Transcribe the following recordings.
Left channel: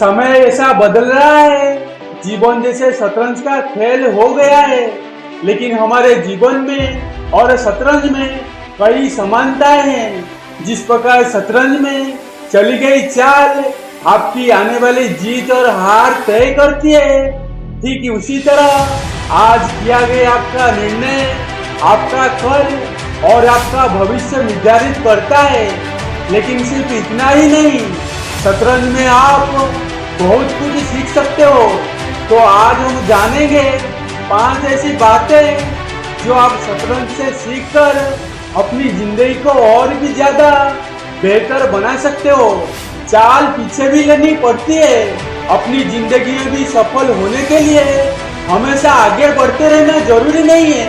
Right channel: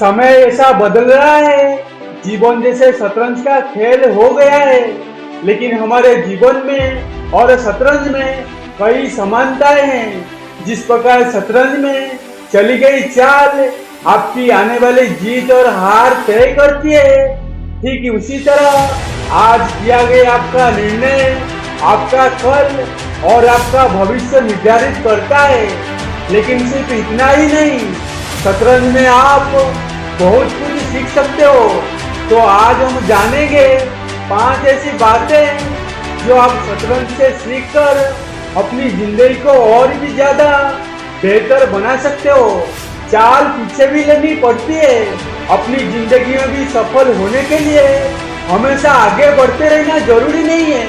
समय ऐसा बदल रहा है, जीवन जैसे शतरंज का खेल हो गया है। लेकिन हमारे जीवन में और शतरंज में कई समानताएं हैं। जिस प्रकार शतरंज में चली गई चाल आपकी आने वाली जीत और हार तय करती है, ठीक उसी तरह आज किया गया आपका निर्णय आपका कल और आपका भविष्य निर्धारित करता है। लेकिन सिर्फ इतना ही नहीं, शतरंज में आप बहुत कुछ सीख सकते हो। तो आज हम जानेंगे 5 ऐसी बातें जो आप शतरंज से सीखकर अपनी जिंदगी को और भी ज्यादा बेहतर बना सकते हो। चाल पीछे भी लेनी पड़ती है। अपनी जिंदगी में भी सफल होने के लिए हमेशा आगे बढ़ते रहना जरूरी नहीं है।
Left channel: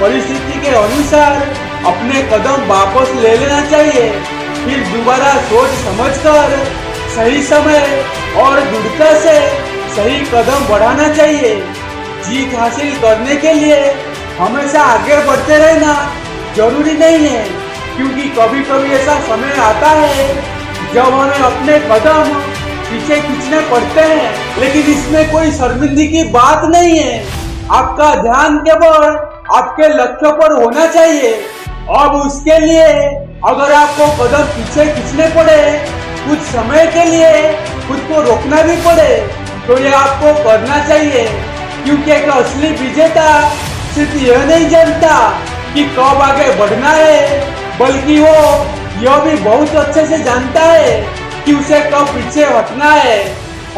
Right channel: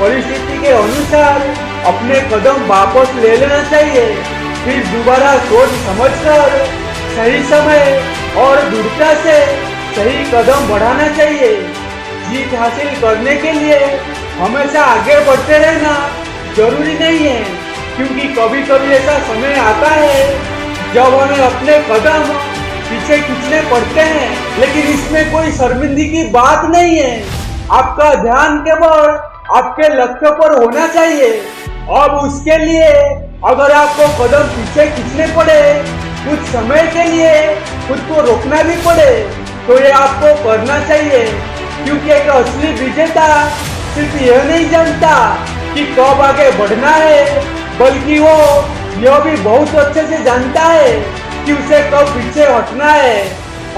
परिस्थिति के अनुसार अपने कदम वापस ले लेना चाहिए, फिर दोबारा सोच समझकर सही समय और दृढ़ता से सही कदम बढ़ाना चाहिए। जीत हासिल करने के लिए हमेशा आगे बढ़ते रहना जरूरी नहीं है, क्योंकि कभी कभी ऐसा समय आता है जब हमें अपने कदम पीछे खींचने पड़ते हैं। लेकिन इसमें कोई शर्मिंदगी की बात नहीं है। आपका ध्यान केवल आपके लक्ष्य पर होना चाहिए। अब उसके लिए अगर आपको कदम पीछे खींचने पड़े, कुछ समय के लिए खुद को रोकना भी पड़े, तो ये आपको करना चाहिए। क्योंकि एक असली विजेता सिर्फ यह नहीं जानता कि कब आगे बढ़ना है, बल्कि वो यह भी बहुत अच्छे से जानता है कि उसे कब पीछे हटना है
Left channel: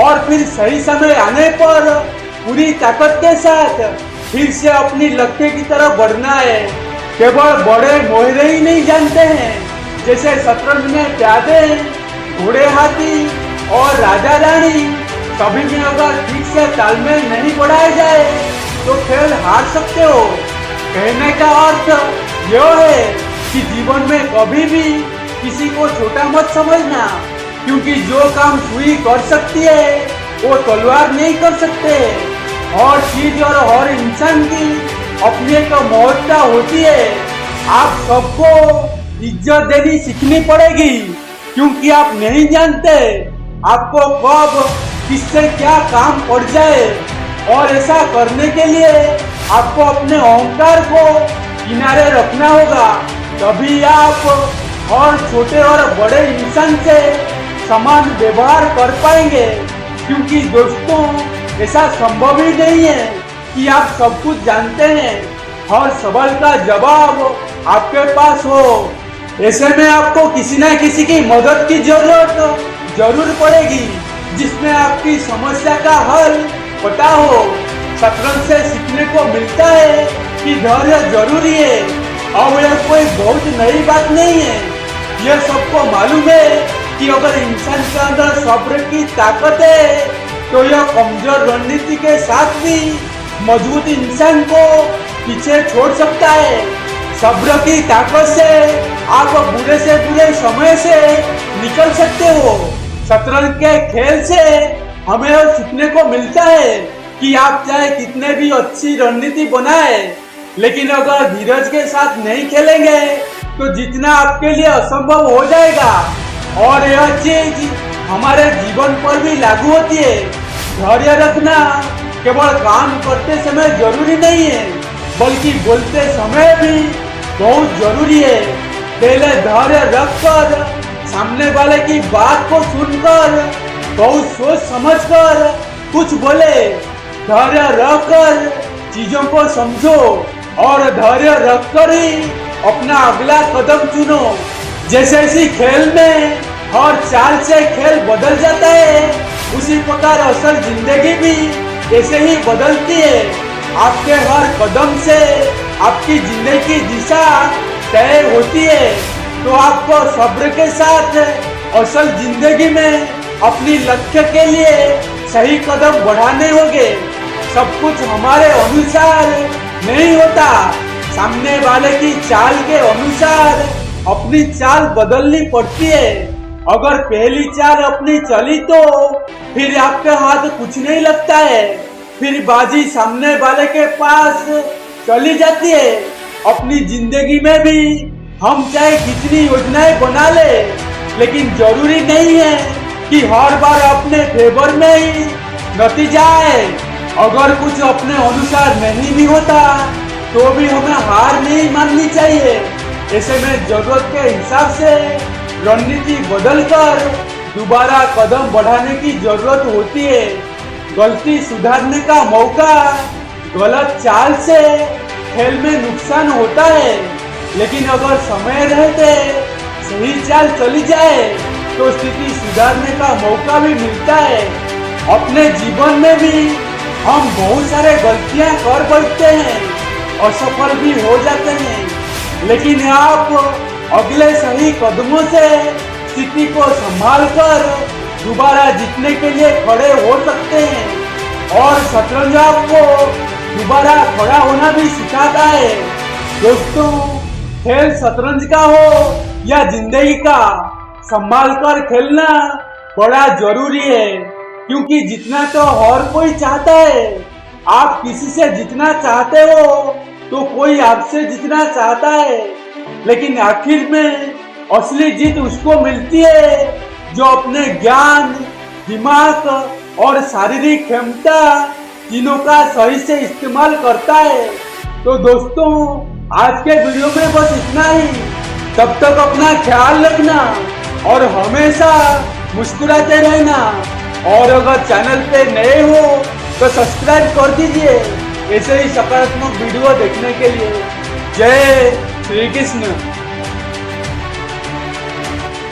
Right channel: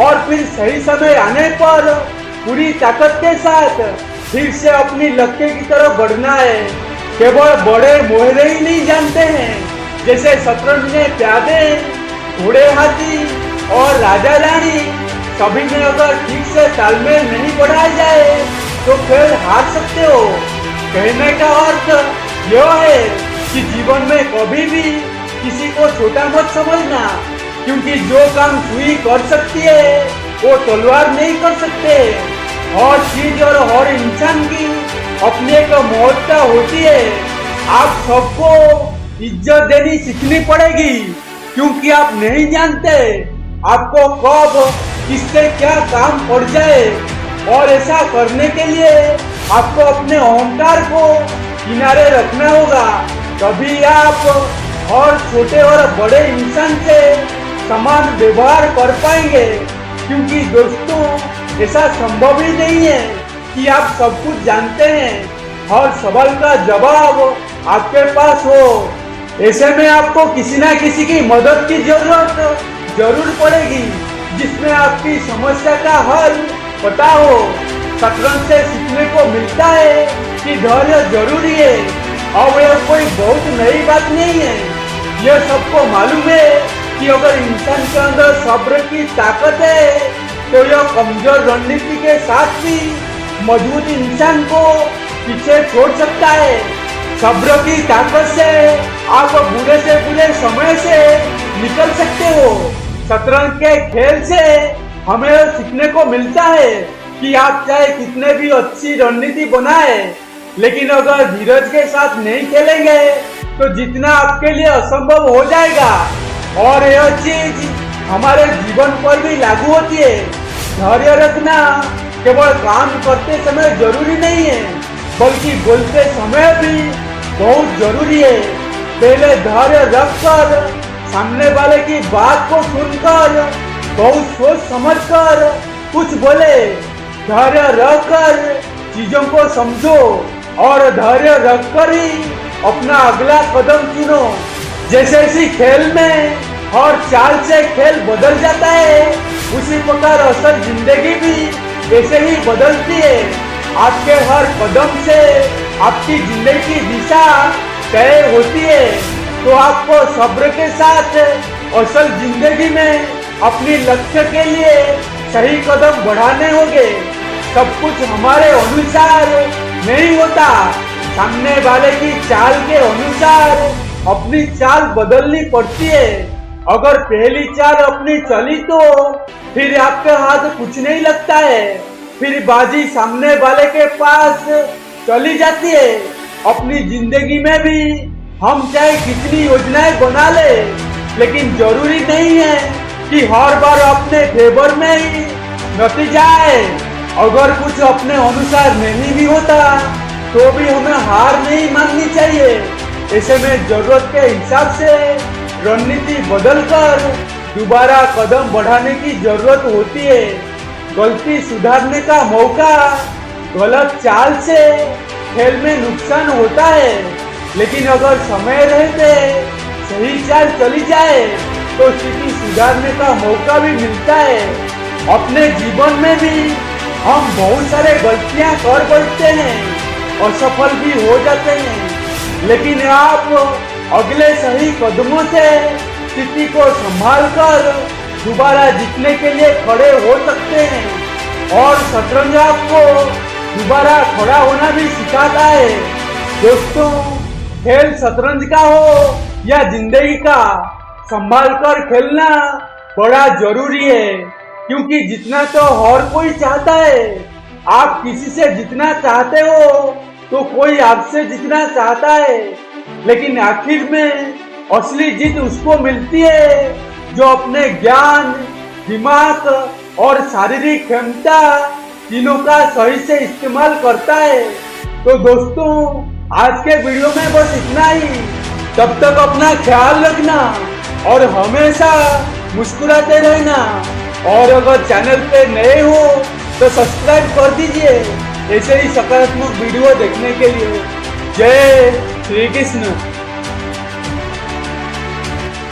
और फिर सही समय आने पर पूरी ताकत के साथ फिर से अपनी लक्ष्य की तरफ बढ़ना है। केवल बड़े मोहरे ही नहीं जानते हैं। जैसे शतरंज में प्यादे, घोड़े, हाथी और राजा रानी सभी में अगर ठीक से तालमेल नहीं बढ़ाया जाए तो खेल हार सकते हो। कहने का अर्थ यह है कि जीवन में कभी भी किसी को छोटा मत समझना, क्योंकि जो काम सुई कर सकती है वो तलवार नहीं कर सकते। हर चीज और हर इंसान की अपनी एक महत्ता होती है। आप सबको इज्जत देनी सीखनी पड़ेगी, क्योंकि आप नहीं जानते आपको कब किससे क्या काम पड़ जाए। और ऐसा करने के लिए आपको अपने अहंकार को किनारे रखना होगा। तभी आप हर छोटे और बड़े इंसान से समान व्यवहार कर पाएंगे। क्योंकि दोस्तों, ऐसा संभव ही नहीं है कि आप सब कुछ जानते हैं, हर सवाल का जवाब आपके पास हो। ऐसे में आपको किसी ना किसी की मदद की जरूरत जरूर पड़ेगी, जिसमें आपकी समस्या का हल पता हो। शतरंज से सीखने को मिलता है कि धैर्य जरूरी है। अब यह कोई बहुत नई बात नहीं है। यह सबको मालूम है कि अगर इंसान के अंदर सब्र की ताकत है तो यह कमजोर रणनीति के साथ भी मजबूत इंसान को पीछे छोड़ सकता है। सब्र की ताकत से आप बुरे से बुरे समय से निकल सकते हो। शतरंज के खेल से हमें यह सीखने को मिलता है कि आप चाहे कितने भी अच्छी रणनीति बनाए, लेकिन अगर धीरज के साथ नहीं खेलेंगे तो जीतना आपके लिए असंभव हो जाएगा। और यह चीज हमारे जीवन पर भी लागू होती है। धैर्य रखना केवल काम करते समय जरूरी नहीं है, बल्कि बोलते समय भी बहुत जरूरी है। पहले धैर्य रखकर सामने वाले की बात को सुनकर बहुत सोच समझकर कुछ बोले। धैर्य रखकर चीजों को समझो और धैर्य रखकर ही अपना अगला कदम चुनो। जैसे इसी खेल में हर चाल से खेल बदल जाता है, उसी प्रकार असल जिंदगी भी ऐसे ही बदलती है। आपके हर कदम से आपकी जिंदगी की दिशा तय होती है। तो आपको सब्र के साथ असल जिंदगी में अपनी लक्ष्य के लिए सही कदम बढ़ाने होंगे। सब कुछ हमारे अनुसार नहीं होता, सामने वाले की चाल के अनुसार अपनी चाल बदलनी पड़ती है। अगर पहली चाल अपनी चली तो फिर आपके हाथ कुछ नहीं लगता है, फिर बाजी सामने वाले के पास चली जाती है। अपनी जिंदगी में भी हम चाहे कितनी योजनाएं बना ले, लेकिन जरूरी नहीं है कि हर बार अपने फेवर में ही नतीजा है। अगर कुछ अपने अनुसार नहीं भी होता तो भी हमें हार नहीं माननी चाहिए। ऐसे में जरूरत के हिसाब से रणनीति बदलकर दोबारा कदम बढ़ाने की जरूरत होती है। गलती सुधारने का मौका, गलत चाल से खेल में नुकसान होता है, लेकिन अगर समय रहते सही चाल चली जाए तो स्थिति सुधारने का मौका भी मिलता है। अपने जीवन में भी हम बहुत सारे गलतियां कर बैठते हैं, असफल भी हो जाते हैं, लेकिन आप अगले सही कदमों से स्थिति को संभालकर दोबारा जीतने के लिए खड़े हो सकते हैं। और शतरंज आपको दोबारा खड़ा होना भी सिखाता है। दोस्तों, खेल शतरंज का हो या जिंदगी का, संभाल कर खेलना बड़ा जरूरी है, क्योंकि जीतना तो हर कोई चाहता है। आप किसी से जीतना चाहते हो तो कोई आपसे जीतना चाहता है, लेकिन आखिर में असली जीत उसको मिलती है जो अपने ज्ञान, दिमाग और शारीरिक क्षमता तीनों का सही से इस्तेमाल करता है। तो दोस्तों, आज के वीडियो में बस इतना ही। तब तक अपना ख्याल रखना और हमेशा मुस्कुराते रहना। और अगर चैनल पे नए हो तो सब्सक्राइब कर दीजिए ऐसे ही सकारात्मक वीडियो देखने के लिए। जय श्री कृष्ण।